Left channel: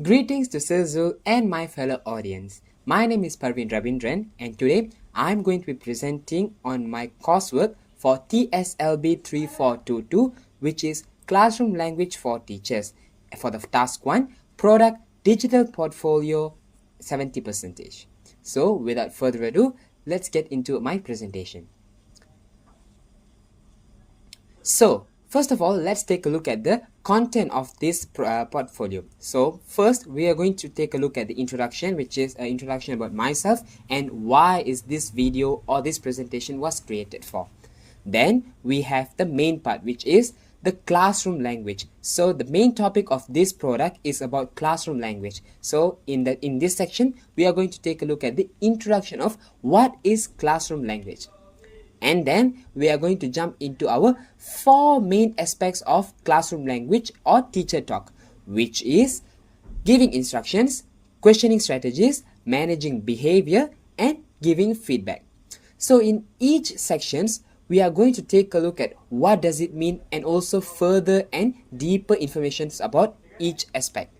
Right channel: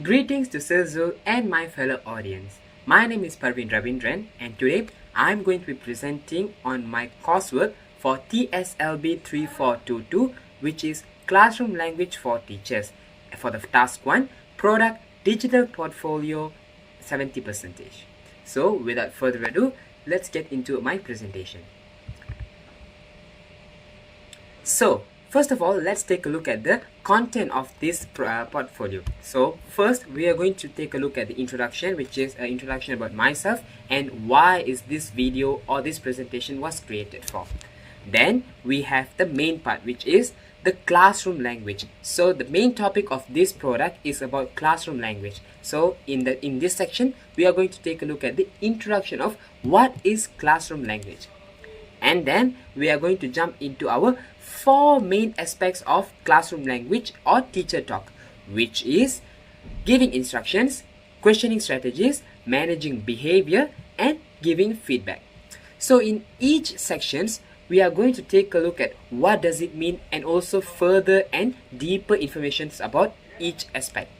Greetings to Sizzle and my fellow audience. My name is Parveen Ravindran and today I'm going to be presenting on my coursework for TSLB3422, which is Classroom Language for Teachers. For the task 1, Product Digital Portfolio 70%. So without further ado, let's get into my presentation. So first of all, let's take a look at the content of this portfolio. So first, we are going to take a look at the introduction, which is an introduction about myself and why is this video or this presentation was created for. Then we have the main part, which is the classroom language. So the main topic of this product is about classroom language. So in this section, we are going to take a look at the introduction of what is classroom language. And then we are going to jump into our 4 main aspects of classroom language or teacher talk, which is giving instructions, questioning strategies, managing behavior, and giving feedback. So in each sections, we are going to take a look at what does it mean and also further and deeper information about each aspect.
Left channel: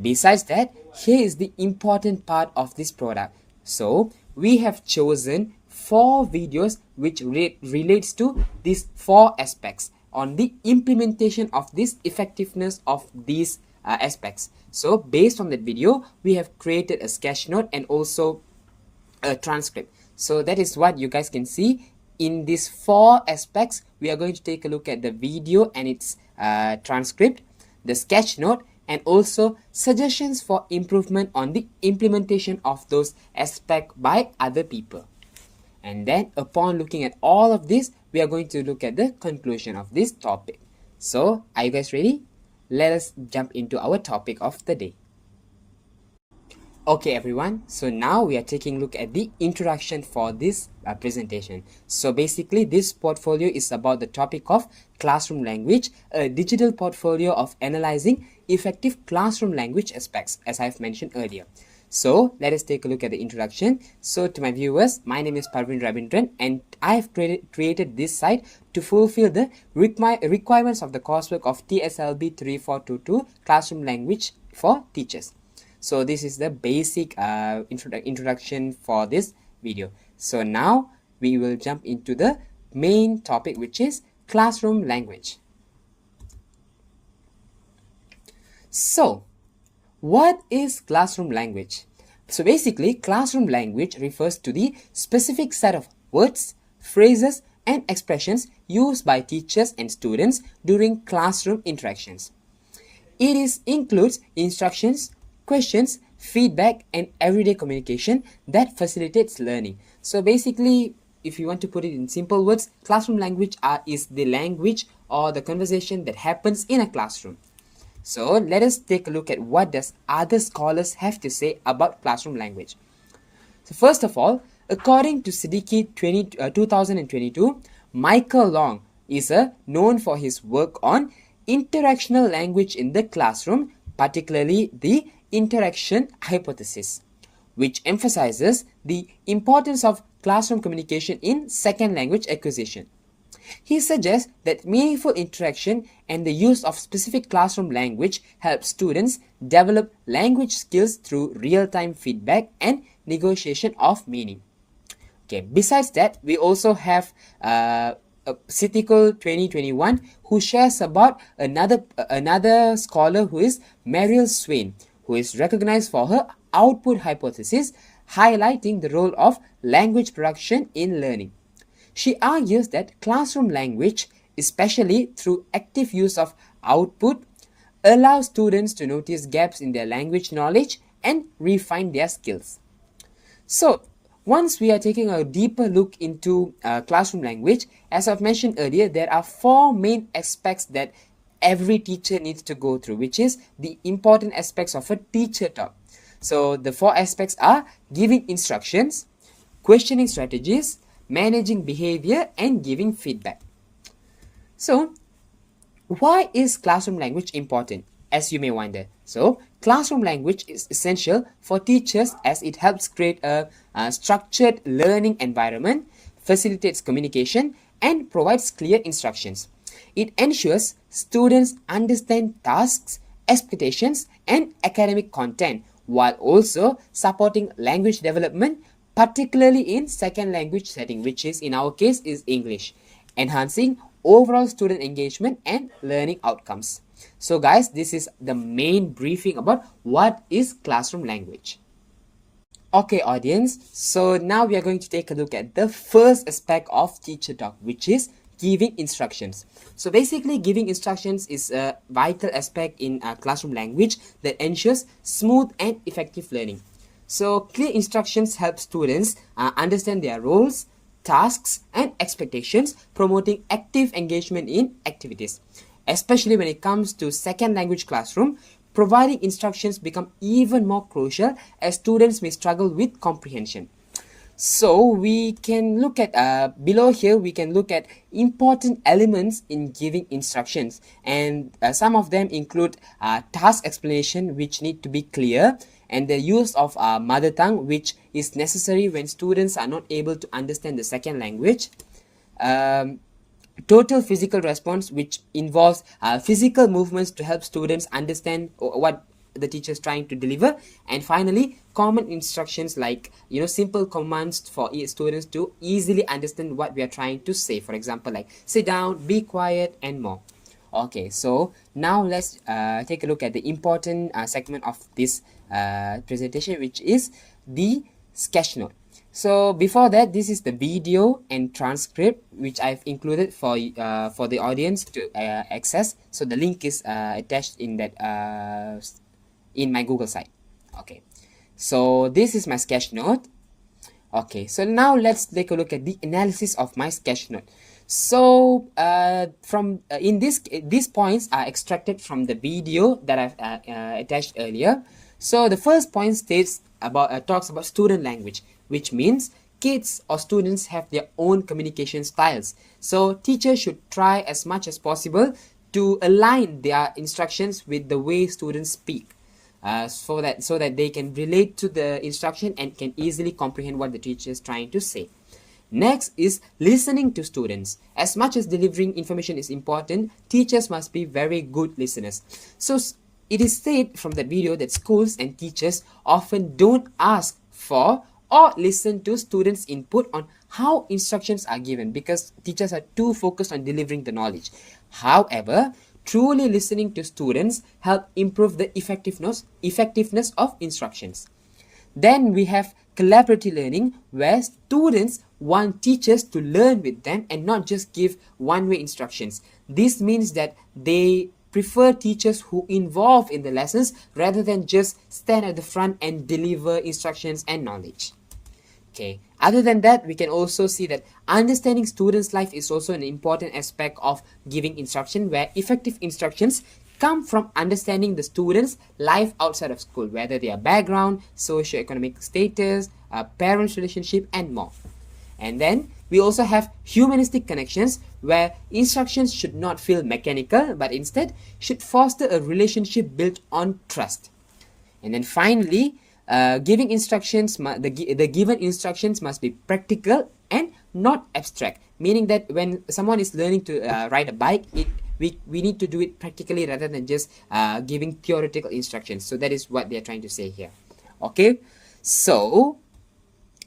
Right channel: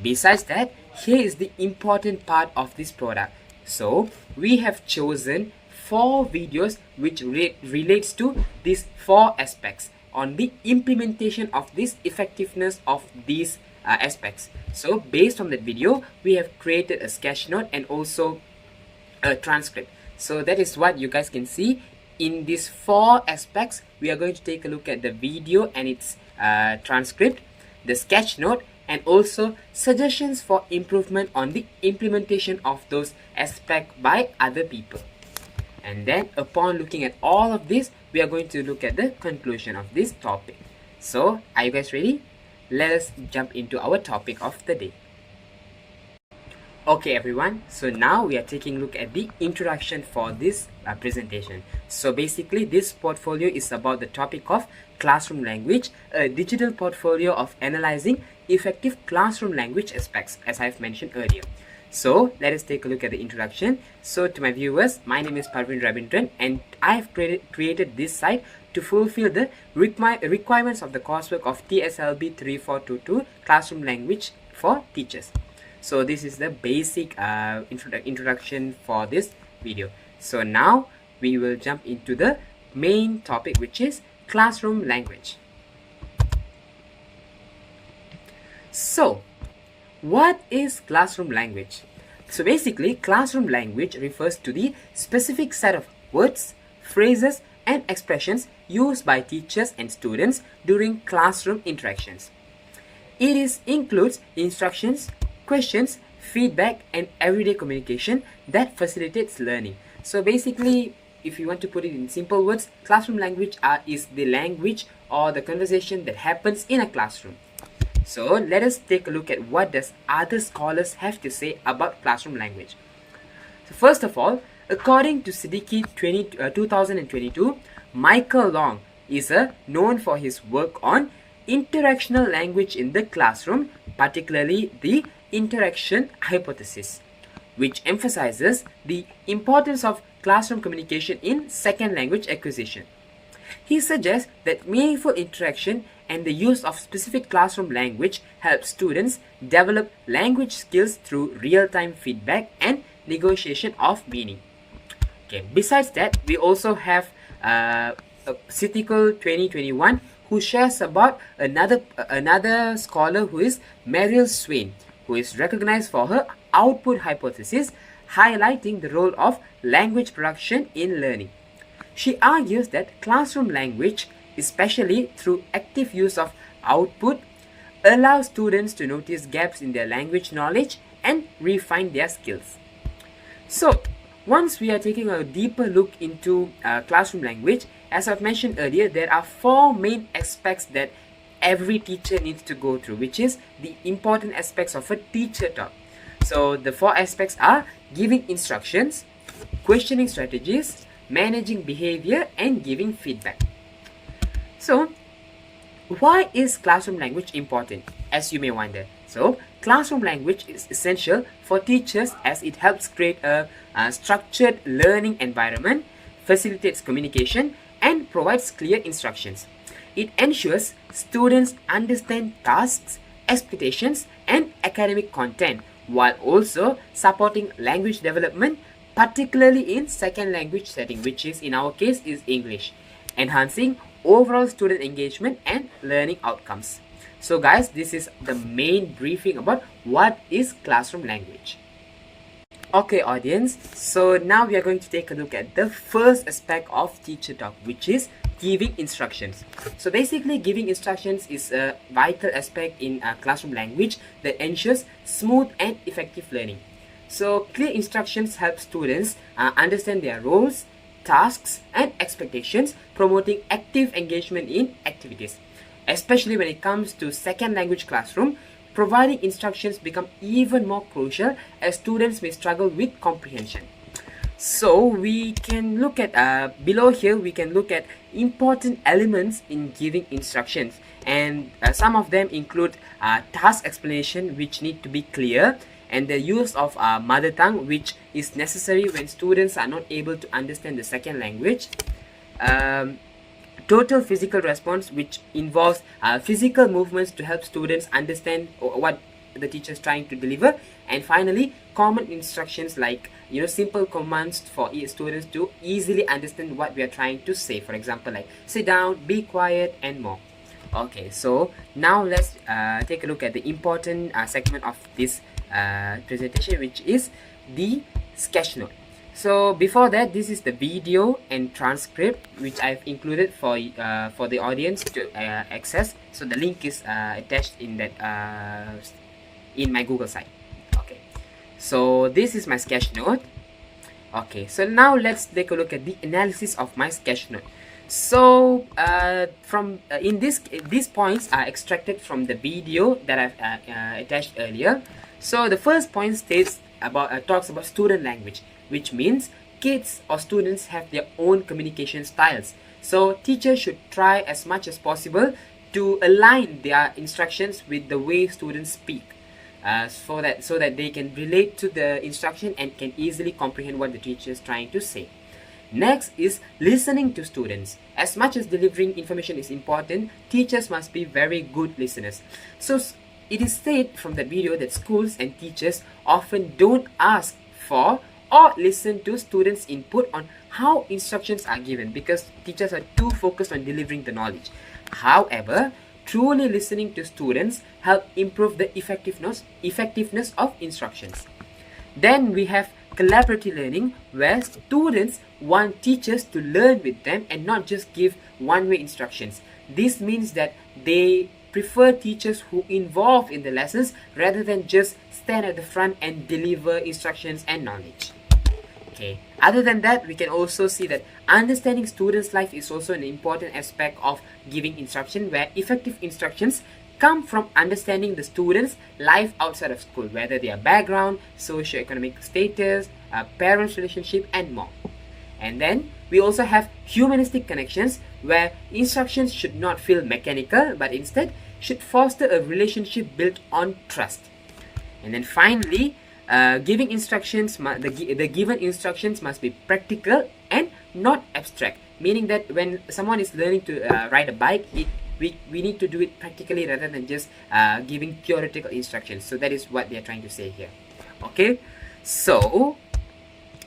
Besides that, here is the important part of this product. So we have chosen 4 videos which relates to these 4 aspects on the implementation of this effectiveness of these aspects. So based on that video, we have created a sketch note and also a transcript. So that is what you guys can see. In these 4 aspects, we are going to take a look at the video and its transcript, the sketch note, and also suggestions for improvement on the implementation of those aspects by other people. And then upon looking at all of this, we are going to look at the conclusion of this topic. So are you guys ready? Let us jump into our topic of the day. Okay everyone, so now we are taking a look at the introduction for this presentation. So basically this portfolio is about the topic of classroom language, a digital portfolio of analyzing effective classroom language aspects, as I've mentioned earlier. So let us take a look at the introduction. So to my viewers, my name is Parveen Ravindran and I have created this site to fulfill the requirements of the coursework of TSLB3422 Classroom Language for Teachers. So this is the basic introduction for this video. So now we will jump into the main topic, which is classroom language. So what is classroom language? So basically, classroom language refers to the specific set of words, phrases, and expressions used by teachers and students during classroom interactions. It includes instructions, questions, feedback, and everyday communication that facilitates learning. So basically, if you want to put it in simple words, classroom language is the language or the conversation that happens in a classroom. So let us take a look at what does other scholars have to say about classroom language. So first of all, according to Siddiqui 2022, Michael Long is known for his work on interactional language in the classroom, particularly the interaction hypothesis, which emphasizes the importance of classroom communication in second language acquisition. He suggests that meaningful interaction and the use of specific classroom language helps students develop language skills through real-time feedback and negotiation of meaning. Okay, besides that, we also have Siddiqui 2021 who shares about another scholar who is Meryl Swain, who is recognized for her output hypothesis, highlighting the role of language production in learning. She argues that classroom language, especially through active use of output, allows students to notice gaps in their language knowledge and refine their skills. So, once we are taking a deeper look into classroom language, as I've mentioned earlier, there are 4 main aspects that every teacher needs to go through, which is the important aspects of a teacher talk. So, the 4 aspects are giving instructions, questioning strategies, managing behavior, and giving feedback. So, why is classroom language important, as you may wonder? So, classroom language is essential for teachers as it helps create a structured learning environment, facilitates communication, and provides clear instructions. It ensures students understand tasks, expectations, and academic content, while also supporting language development, particularly in second language setting, which is in our case is English, enhancing overall student engagement and learning outcomes. So guys, this is the main briefing about what is classroom language. Okay audience, so now we are going to take a look at the first aspect of teacher talk, which is giving instructions. So basically giving instructions is a vital aspect in classroom language that ensures smooth and effective learning. So clear instructions help students understand their roles, tasks and expectations, promoting active engagement in activities. Especially when it comes to second language classroom, providing instructions become even more crucial as students may struggle with comprehension. So we can look at below here, we can look at important elements in giving instructions, and some of them include task explanation, which need to be clear, and the use of mother tongue, which is necessary when students are not able to understand the second language. Total physical response, which involves physical movements to help students understand what the teacher is trying to deliver. And finally, common instructions like simple commands for students to easily understand what we are trying to say. For example, like sit down, be quiet, and more. Okay, so now let's take a look at the important segment of this presentation, which is the sketch note. So before that, this is the video and transcript which I've included for the audience to access. So the link is attached in that in my Google site. Okay, so this is my sketch note. Okay, so now let's take a look at the analysis of my sketch note. So from in these points are extracted from the video that I've attached earlier. So the first point states about talks about student language, which means kids or students have their own communication styles. So teachers should try as much as possible to align their instructions with the way students speak, so that they can relate to the instruction and can easily comprehend what the teacher is trying to say. Next is listening to students. As much as delivering information is important, teachers must be very good listeners. So it is said from the video that schools and teachers often don't ask for or listen to students' input on how instructions are given because teachers are too focused on delivering the knowledge. However, truly listening to students help improve the effectiveness of instructions. Then we have collaborative learning, where students want teachers to learn with them and not just give one-way instructions. This means that they prefer teachers who involve in the lessons rather than just stand at the front and deliver instructions and knowledge. Okay. Other than that, we can also see that understanding students' life is also an important aspect of giving instruction, where effective instructions come from understanding the students' life outside of school, whether their background, socioeconomic status, parents' relationship, and more. And then we also have humanistic connections, where instructions should not feel mechanical but instead should foster a relationship built on trust. And then finally, giving instructions, the given instructions must be practical and not abstract, meaning that when someone is learning to ride a bike, we need to do it practically rather than just giving theoretical instructions. So that is what they are trying to say here. Okay, so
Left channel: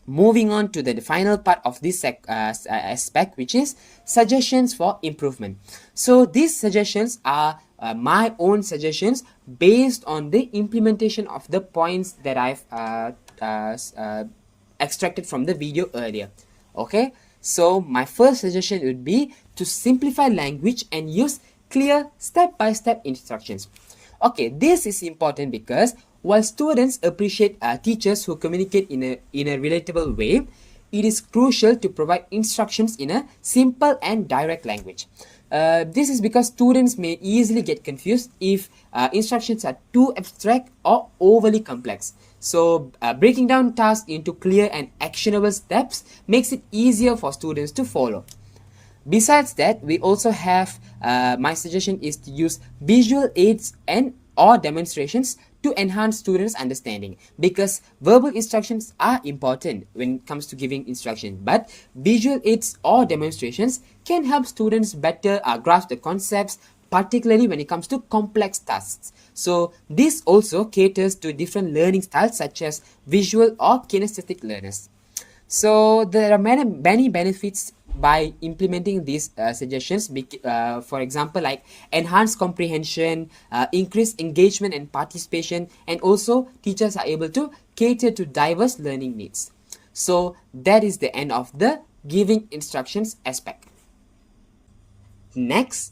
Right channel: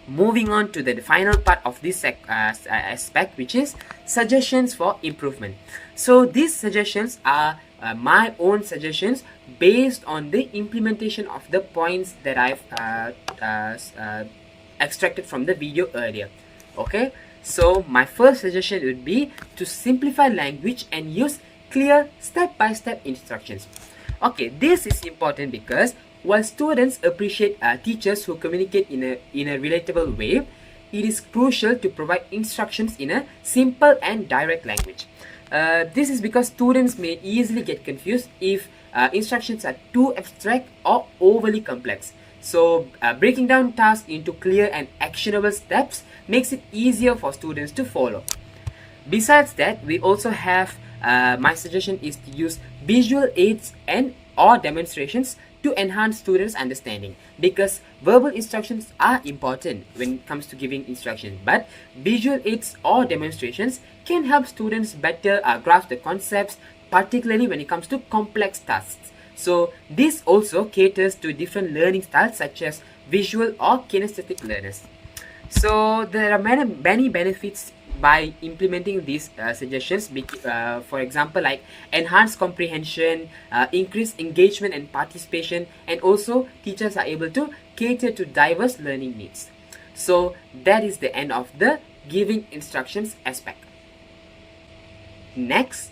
moving on to the final part of this aspect, which is suggestions for improvement. So these suggestions are my own suggestions based on the implementation of the points that I've extracted from the video earlier. Okay, so my first suggestion would be to simplify language and use clear step-by-step instructions. Okay, this is important because while students appreciate teachers who communicate in a relatable way, it is crucial to provide instructions in a simple and direct language. This is because students may easily get confused if instructions are too abstract or overly complex. So breaking down tasks into clear and actionable steps makes it easier for students to follow. Besides that, we also have my suggestion is to use visual aids and or demonstrations to enhance students' understanding, because verbal instructions are important when it comes to giving instruction, but visual aids or demonstrations can help students better grasp the concepts, particularly when it comes to complex tasks. So this also caters to different learning styles such as visual or kinesthetic learners. So there are many benefits by implementing these suggestions. For example, like enhanced comprehension, increased engagement and participation, and also teachers are able to cater to diverse learning needs. So that is the end of the giving instructions aspect. Next,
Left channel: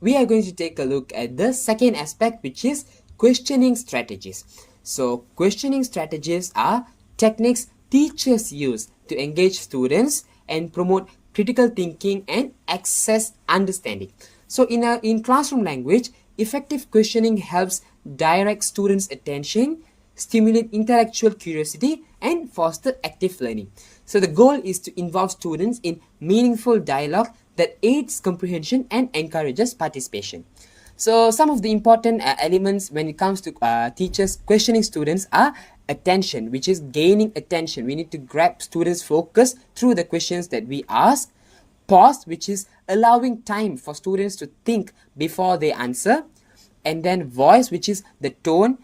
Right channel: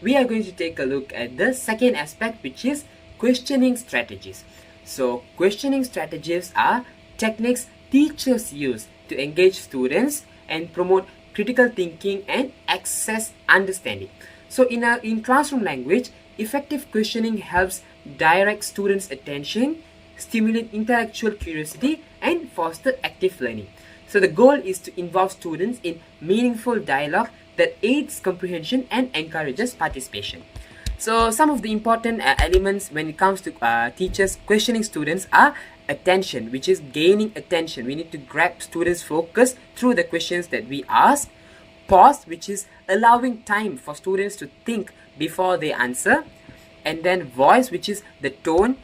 we are going to take a look at the second aspect, which is questioning strategies. So questioning strategies are techniques teachers use to engage students and promote critical thinking and access understanding. So in classroom language, effective questioning helps direct students' attention, stimulate intellectual curiosity, and foster active learning. So the goal is to involve students in meaningful dialogue that aids comprehension and encourages participation. So some of the important elements when it comes to teachers questioning students are attention, which is gaining attention. We need to grab students' focus through the questions that we ask. Pause, which is allowing time for students to think before they answer. And then voice, which is the tone,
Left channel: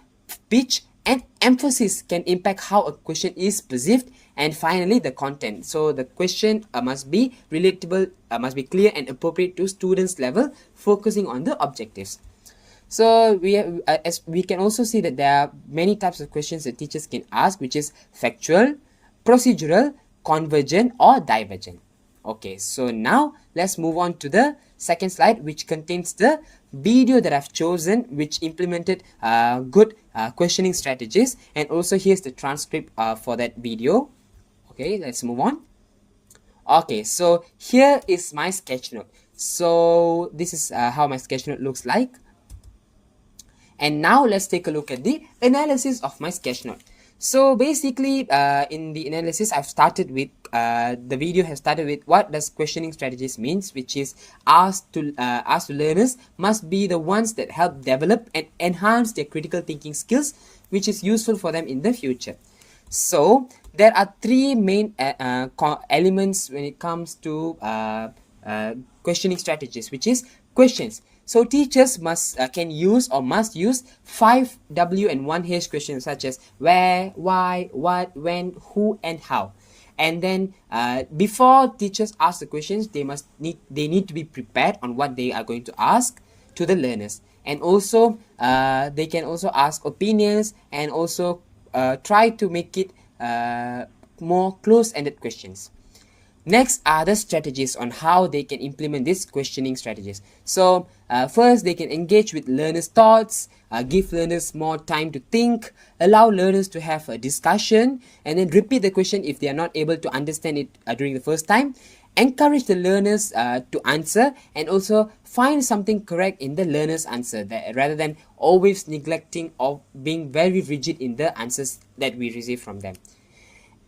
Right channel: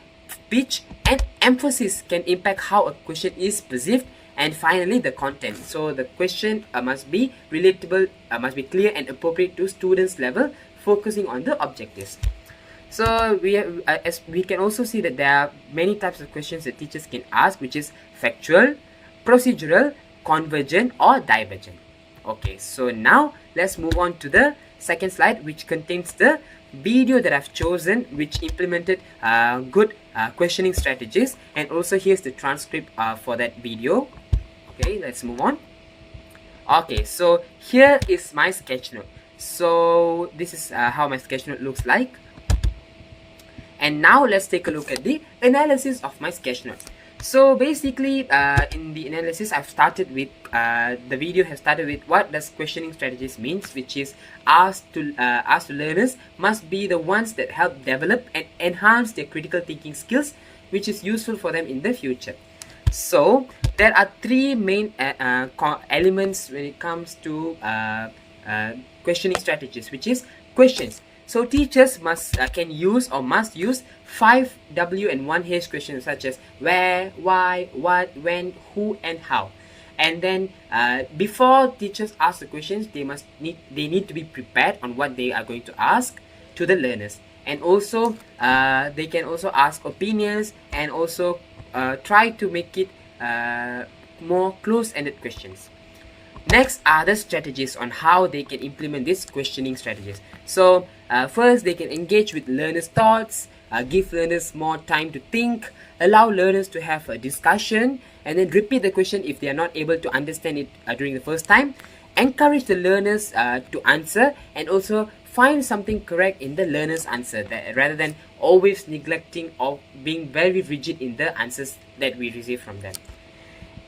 pitch, and emphasis can impact how a question is perceived. And finally, the content. So the question must be relatable, must be clear and appropriate to students' level, focusing on the objectives. So as we can also see that there are many types of questions that teachers can ask, which is factual, procedural, convergent, or divergent. Okay, so now let's move on to the second slide, which contains the video that I've chosen, which implemented good questioning strategies, and also here's the transcript for that video. Okay, let's move on. Okay, so here is my sketch note. So this is how my sketch note looks like. And now let's take a look at the analysis of my sketch note. So basically, in the analysis, I've started with the video has started with what does questioning strategies means, which is asked to learners must be the ones that help develop and enhance their critical thinking skills, which is useful for them in the future. So there are three main elements when it comes to questioning strategies, which is questions. So teachers can use or must use 5 W and 1 H questions such as where, why, what, when, who, and how. And then before teachers ask the questions, they need to be prepared on what they are going to ask to the learners. And also they can also ask opinions and also try to make it more close-ended questions. Next are the strategies on how they can implement these questioning strategies. So first, they can engage with learners' thoughts, give learners more time to think, allow learners to have a discussion, and then repeat the question if they are not able to understand it during the first time. Encourage the learners to answer, and also find something correct in the learner's answer, rather than always neglecting or being very rigid in the answers that we receive from them.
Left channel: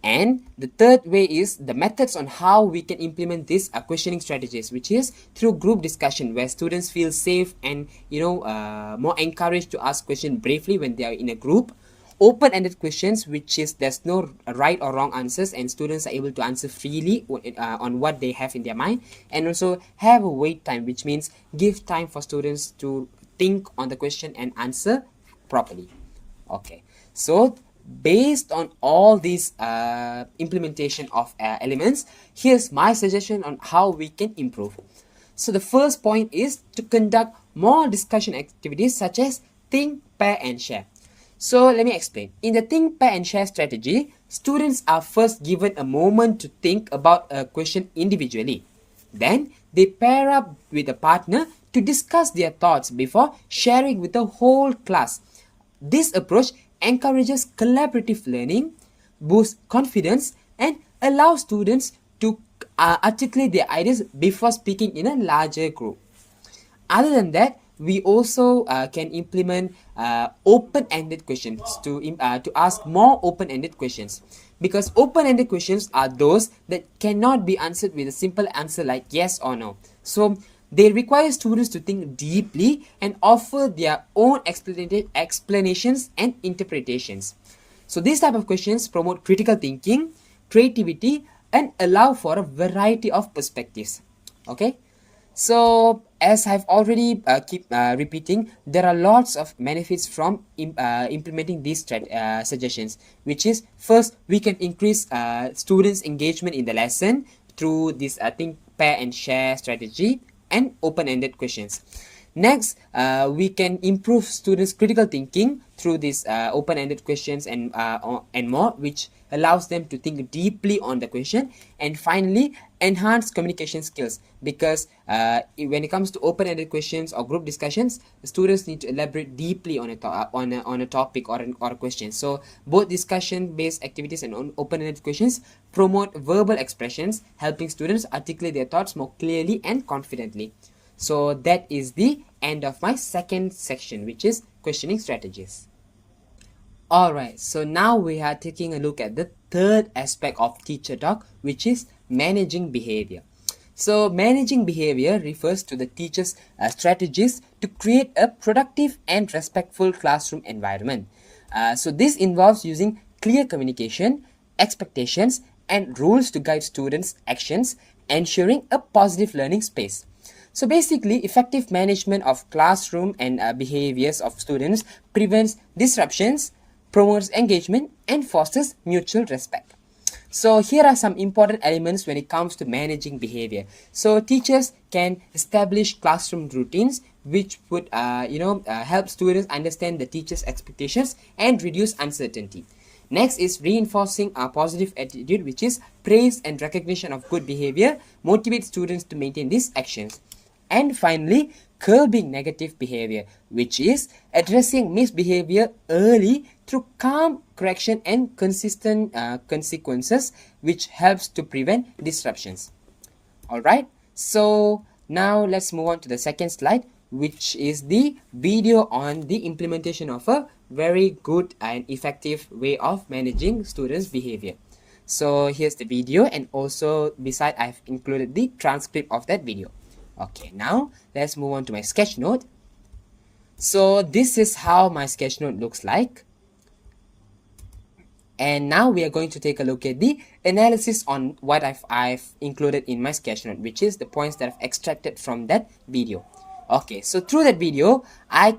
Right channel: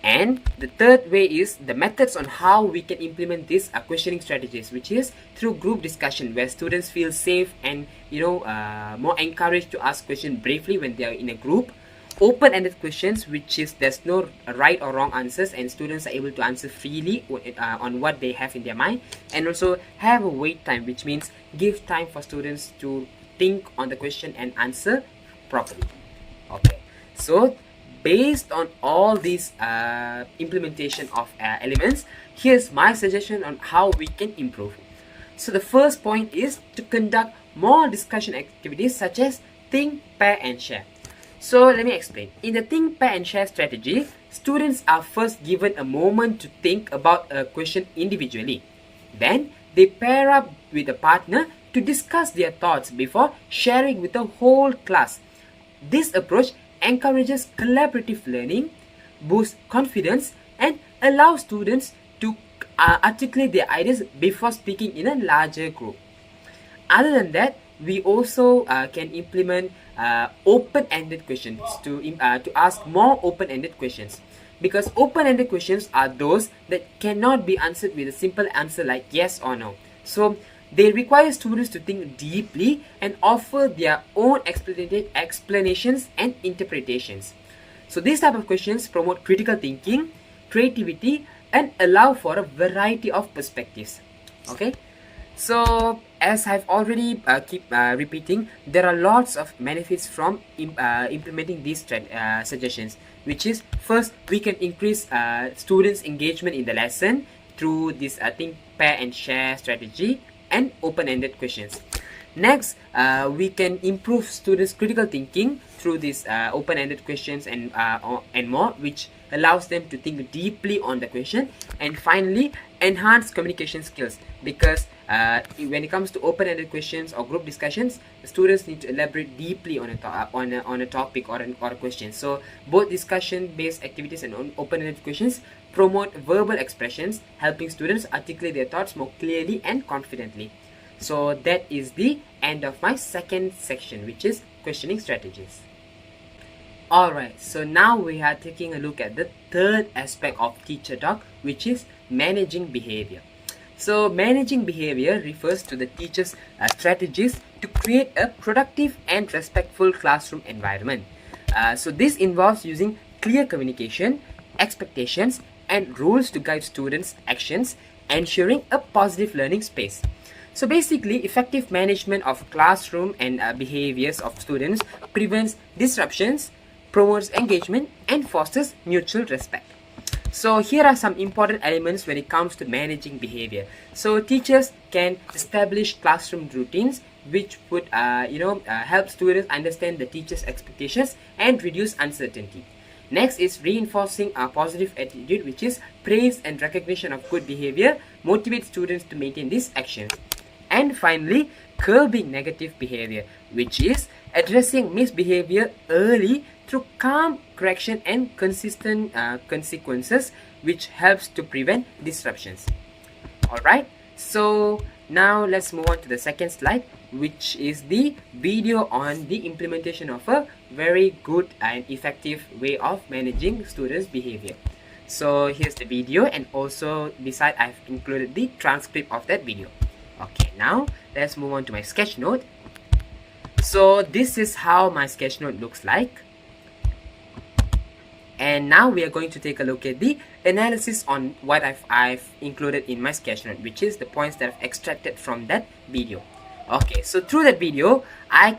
And the third way is the methods on how we can implement these questioning strategies, which is through group discussion, where students feel safe and more encouraged to ask questions bravely when they are in a group. Open-ended questions, which is there's no right or wrong answers and students are able to answer freely on what they have in their mind. And also have a wait time, which means give time for students to think on the question and answer properly. Okay, so based on all these implementation of elements, here's my suggestion on how we can improve. So the first point is to conduct more discussion activities such as think, pair, and share. So let me explain. In the think, pair, and share strategy, students are first given a moment to think about a question individually. Then they pair up with a partner to discuss their thoughts before sharing with the whole class. This approach encourages collaborative learning, boosts confidence, and allows students to articulate their ideas before speaking in a larger group. Other than that, we also can implement open-ended questions to ask more open-ended questions, because open-ended questions are those that cannot be answered with a simple answer like yes or no. So they require students to think deeply and offer their own explanations and interpretations. So these type of questions promote critical thinking, creativity, and allow for a variety of perspectives. Okay, So as I've already keep repeating, there are lots of benefits from implementing these suggestions, which is first, we can increase students engagement in the lesson through this think, pair and share strategy and open-ended questions. Next, we can improve students critical thinking through these open-ended questions and more, which allows them to think deeply on the question. And finally, enhance communication skills, because when it comes to open-ended questions or group discussions, the students need to elaborate deeply on a topic or a question. So both discussion-based activities and open-ended questions promote verbal expressions, helping students articulate their thoughts more clearly and confidently. So that is the end of my second section, which is questioning strategies. Alright, so now we are taking a look at the third aspect of teacher talk, which is managing behavior. So managing behavior refers to the teacher's strategies to create a productive and respectful classroom environment. So this involves using clear communication, expectations, and rules to guide students' actions, ensuring a positive learning space. So basically, effective management of classroom and behaviors of students prevents disruptions, promotes engagement, and fosters mutual respect. So here are some important elements when it comes to managing behavior. So teachers can establish classroom routines which would help students understand the teacher's expectations and reduce uncertainty. Next is reinforcing a positive attitude, which is praise and recognition of good behavior motivate students to maintain these actions. And finally, curbing negative behavior, which is addressing misbehavior early through calm correction and consistent consequences, which helps to prevent disruptions. Alright, so now let's move on to the second slide, which is the video on the implementation of a very good and effective way of managing students' behavior. So here's the video, and also beside I've included the transcript of that video. Okay, now let's move on to my sketch note. So this is how my sketch note looks like. And now we are going to take a look at the analysis on what I've included in my sketch note, which is the points that I've extracted from that video. Okay, so through that video, I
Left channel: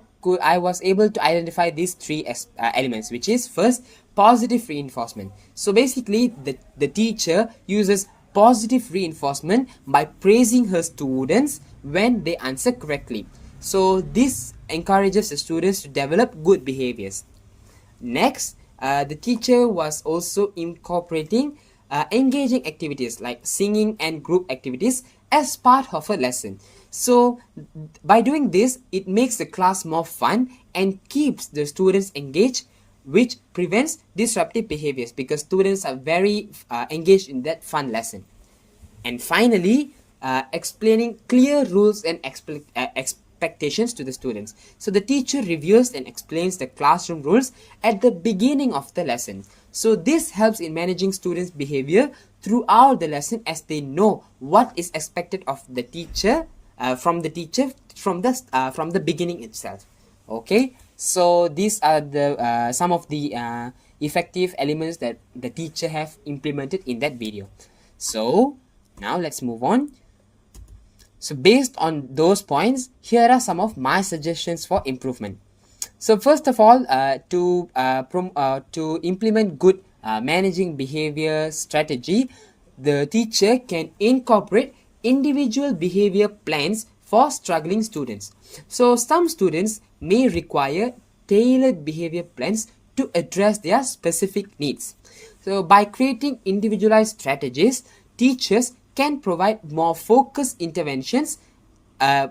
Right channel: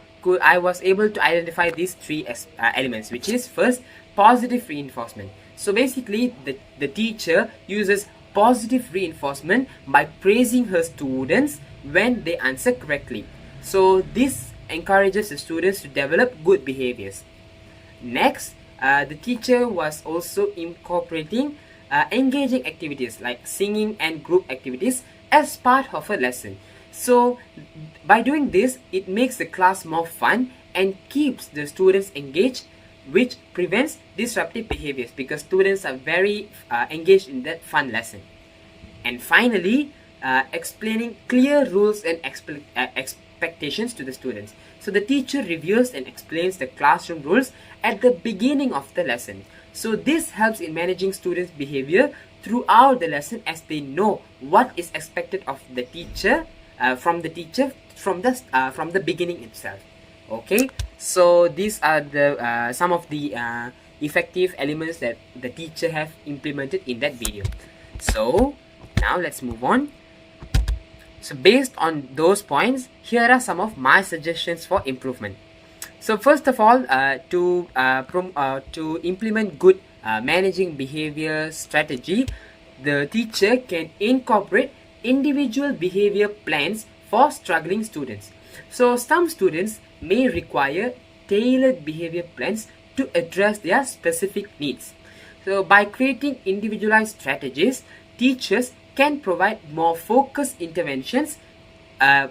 was able to identify these three elements, which is first, positive reinforcement. So basically, the teacher uses positive reinforcement by praising her students when they answer correctly. So this encourages the students to develop good behaviors. Next, the teacher was also incorporating engaging activities like singing and group activities as part of a lesson. So by doing this, it makes the class more fun and keeps the students engaged, which prevents disruptive behaviors because students are very engaged in that fun lesson. And finally, explaining clear rules and expectations to the students. So the teacher reviews and explains the classroom rules at the beginning of the lesson. So this helps in managing students' behavior throughout the lesson, as they know what is expected of the teacher from the beginning itself. Okay, so these are the some of the effective elements that the teacher have implemented in that video. So now let's move on. So based on those points, here are some of my suggestions for improvement. So first of all, to implement good managing behavior strategy, the teacher can incorporate individual behavior plans for struggling students. So some students may require tailored behavior plans to address their specific needs. So by creating individualized strategies, teachers can provide more focused interventions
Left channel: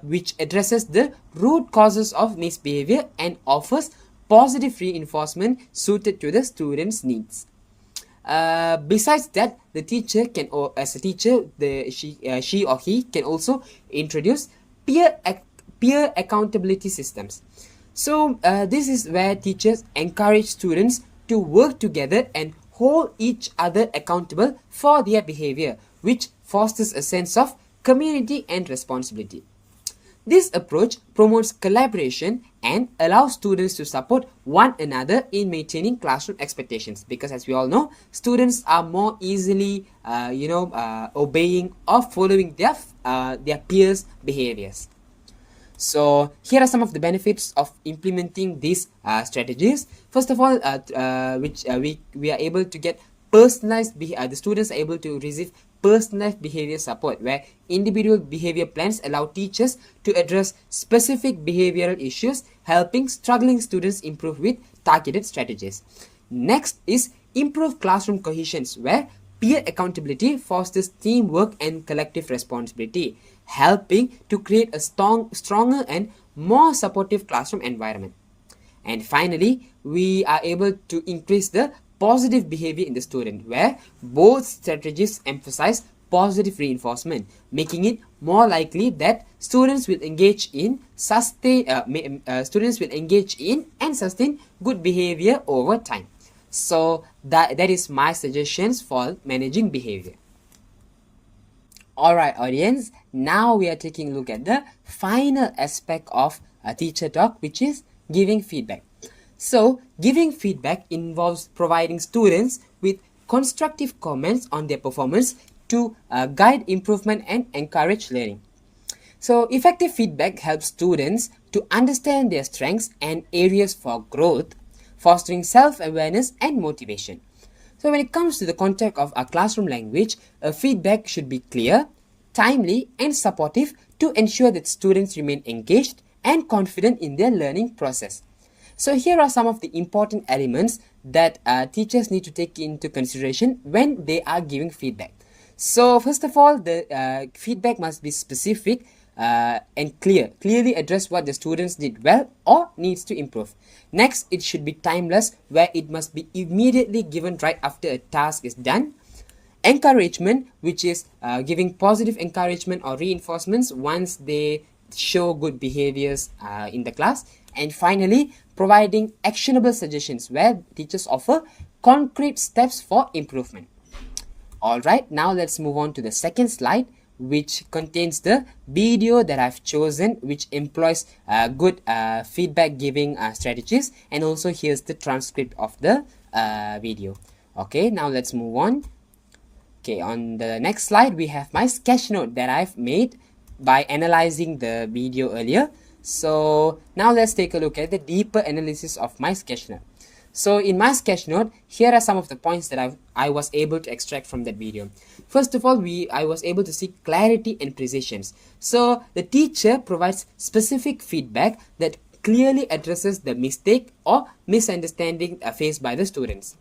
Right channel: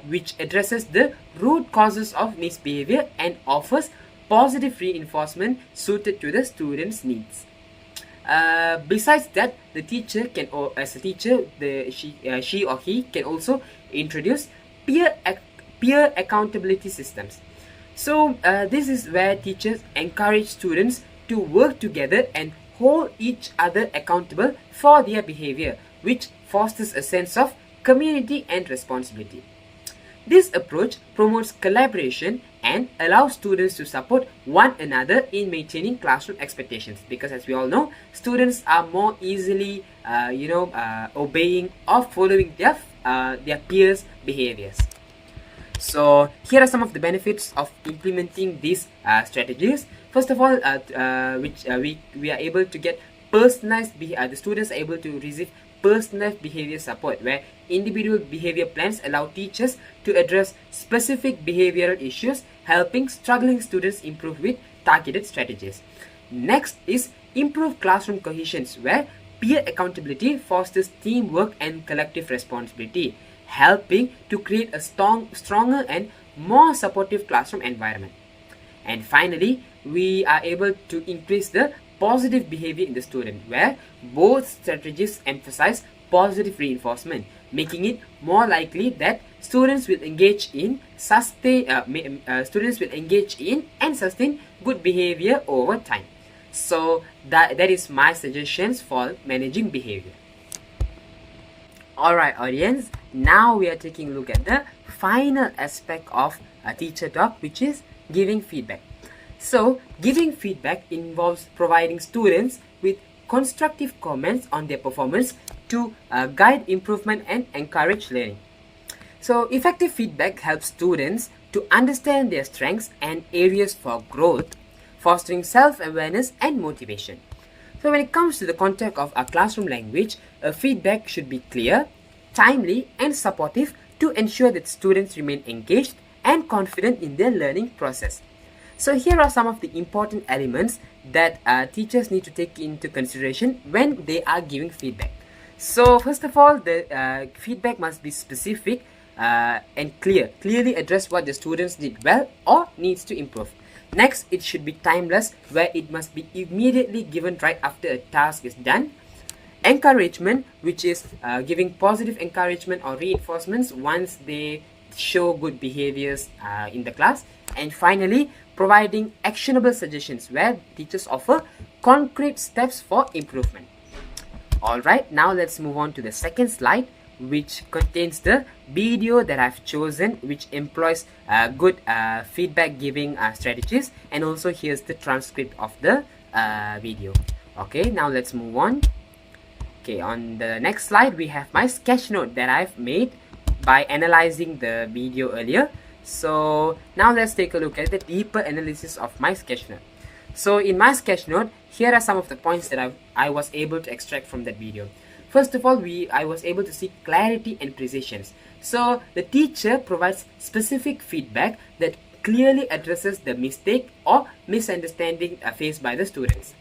which addresses the root causes of misbehavior and offers positive reinforcement suited to the students' needs. Besides that, the teacher can, or as a teacher, she or he can also introduce peer accountability systems. So this is where teachers encourage students to work together and hold each other accountable for their behavior, which fosters a sense of community and responsibility. This approach promotes collaboration and allows students to support one another in maintaining classroom expectations, because as we all know, students are more easily obeying or following their peers' behaviors. So here are some of the benefits of implementing these strategies. First of all, we are able to get personalized. The students are able to receive personalized behavior support, where individual behavior plans allow teachers to address specific behavioral issues, helping struggling students improve with targeted strategies. Next is improve classroom cohesion, where peer accountability fosters teamwork and collective responsibility, helping to create a stronger and more supportive classroom environment. And finally, we are able to increase the positive behavior in the student, where both strategies emphasize positive reinforcement, making it more likely that students will engage in and sustain good behavior over time. So that is my suggestions for managing behavior. Alright audience, now we are taking a look at the final aspect of a teacher talk, which is giving feedback. So giving feedback involves providing students with constructive comments on their performance to guide improvement and encourage learning. So effective feedback helps students to understand their strengths and areas for growth, fostering self-awareness and motivation. So when it comes to the content of a classroom language, feedback should be clear, timely and supportive to ensure that students remain engaged and confident in their learning process. So here are some of the important elements that teachers need to take into consideration when they are giving feedback. So first of all, the feedback must be specific and clearly address what the students did well or needs to improve. Next, it should be timeless, where it must be immediately given right after a task is done. Encouragement, which is giving positive encouragement or reinforcements once they show good behaviors in the class. And finally, providing actionable suggestions, where teachers offer concrete steps for improvement. Alright, now let's move on to the second slide, which contains the video that I've chosen, which employs good feedback giving strategies, and also here's the transcript of the video. Okay, now let's move on. Okay, on the next slide we have my sketch note that I've made by analyzing the video earlier. So now let's take a look at the deeper analysis of my sketch note. So in my sketch note, here are some of the points that I was able to extract from that video. First of all, I was able to see clarity and precision. So the teacher provides specific feedback that clearly addresses the mistake or misunderstanding faced by the students.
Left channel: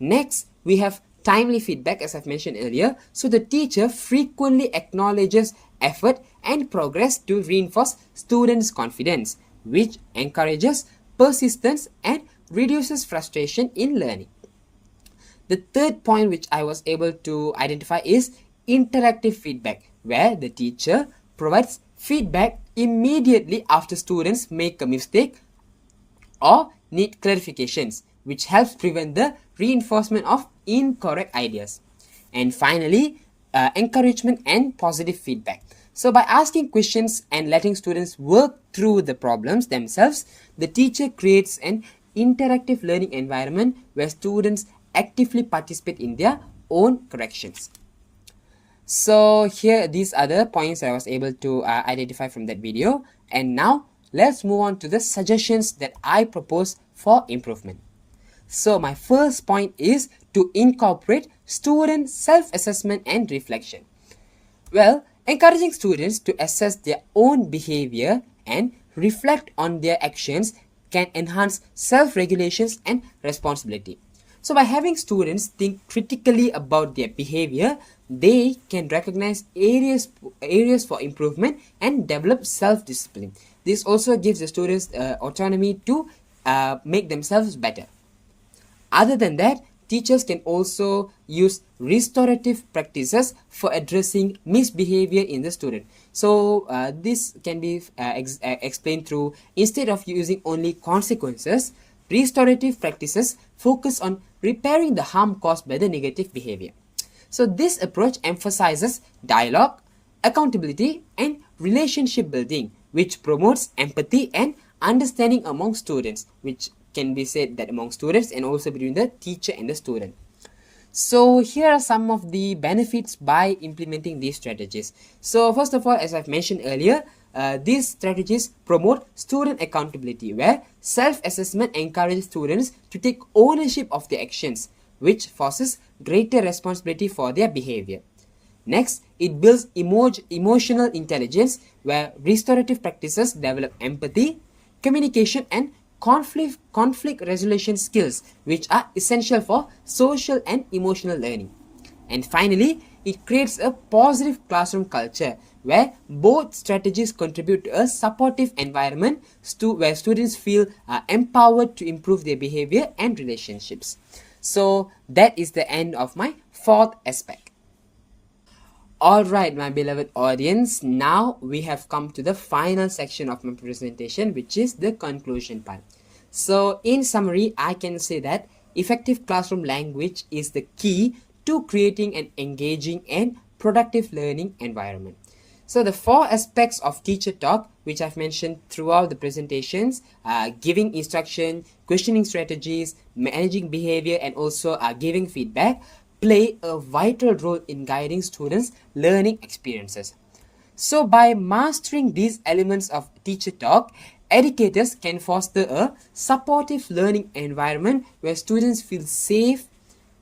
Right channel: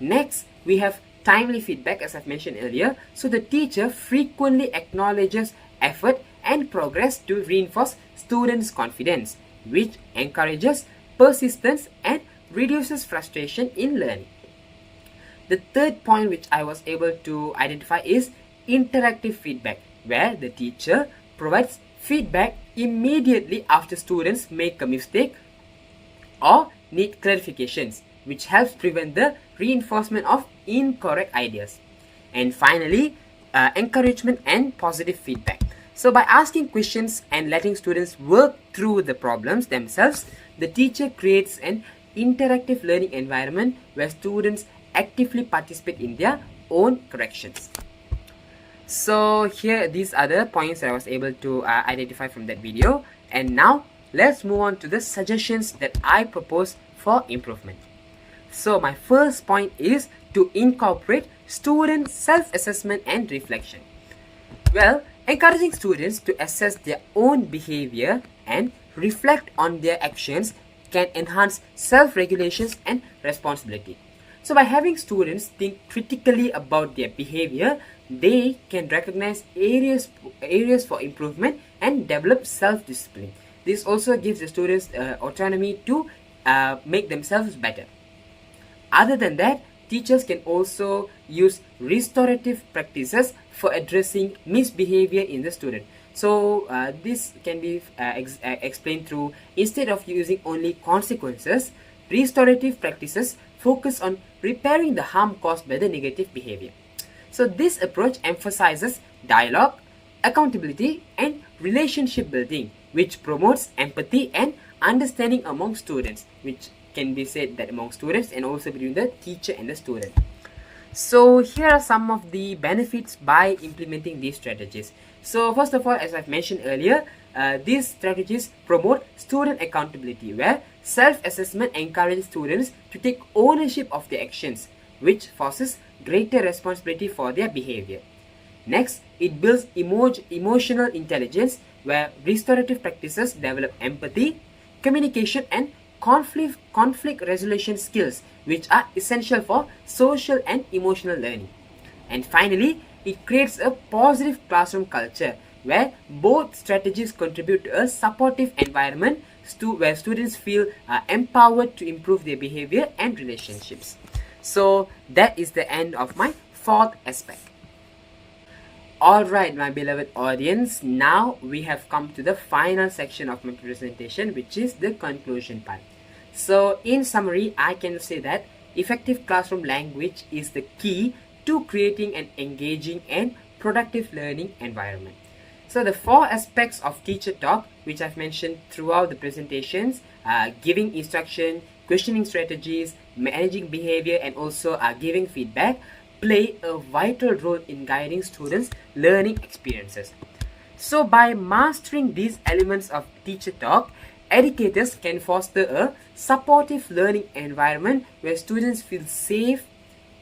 Next, we have timely feedback, as I've mentioned earlier. So the teacher frequently acknowledges effort and progress to reinforce students' confidence, which encourages persistence and reduces frustration in learning. The third point which I was able to identify is interactive feedback, where the teacher provides feedback immediately after students make a mistake or need clarifications, which helps prevent the reinforcement of incorrect ideas. And finally, encouragement and positive feedback. So by asking questions and letting students work through the problems themselves, the teacher creates an interactive learning environment where students actively participate in their own corrections. So here, these are the points that I was able to identify from that video. And now let's move on to the suggestions that I propose for improvement. So my first point is to incorporate student self-assessment and reflection. Well, encouraging students to assess their own behavior and reflect on their actions can enhance self-regulations and responsibility. So by having students think critically about their behavior, they can recognize areas for improvement and develop self-discipline. This also gives the students autonomy to make themselves better. Other than that, teachers can also use restorative practices for addressing misbehavior in the student. So this can be explained through, instead of using only consequences, restorative practices focus on repairing the harm caused by the negative behavior. So this approach emphasizes dialogue, accountability, and relationship building, which promotes empathy and understanding among students, which can be said that among students and also between the teacher and the student. So here are some of the benefits by implementing these strategies. So first of all, as I've mentioned earlier, these strategies promote student accountability, where self-assessment encourages students to take ownership of their actions, which forces greater responsibility for their behavior. Next, it builds emotional intelligence, where restorative practices develop empathy, communication, and conflict resolution skills, which are essential for social and emotional learning. And finally, it creates a positive classroom culture, where both strategies contribute to a supportive environment where students feel empowered to improve their behavior and relationships. So that is the end of my fourth aspect. Alright, my beloved audience, now we have come to the final section of my presentation, which is the conclusion part. So in summary, I can say that effective classroom language is the key to creating an engaging and productive learning environment. So the four aspects of teacher talk, which I've mentioned throughout the presentations, giving instruction, questioning strategies, managing behavior, and also giving feedback, play a vital role in guiding students' learning experiences. So by mastering these elements of teacher talk, educators can foster a supportive learning environment where students feel safe,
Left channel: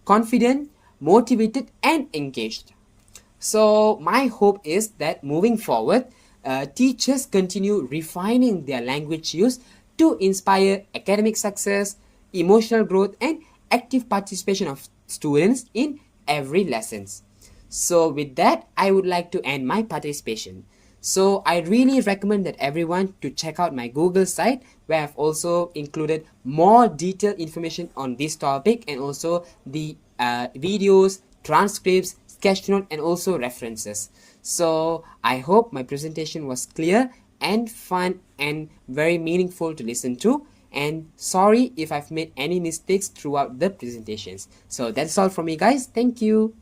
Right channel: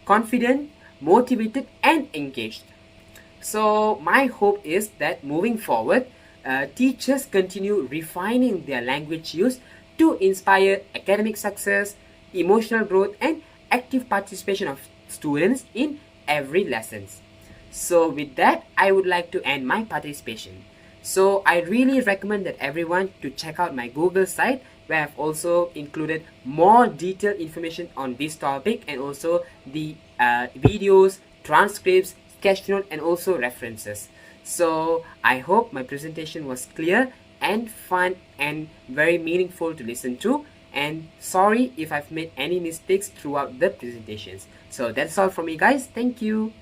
confident, motivated, and engaged. So my hope is that moving forward, teachers continue refining their language use to inspire academic success, emotional growth, and active participation of students in every lessons. So with that, I would like to end my participation. So I really recommend that everyone to check out my Google site, where I've also included more detailed information on this topic, and also the videos, transcripts, sketch note, and also references. So I hope my presentation was clear and fun and very meaningful to listen to. And sorry if I've made any mistakes throughout the presentations. So that's all from me, guys. Thank you.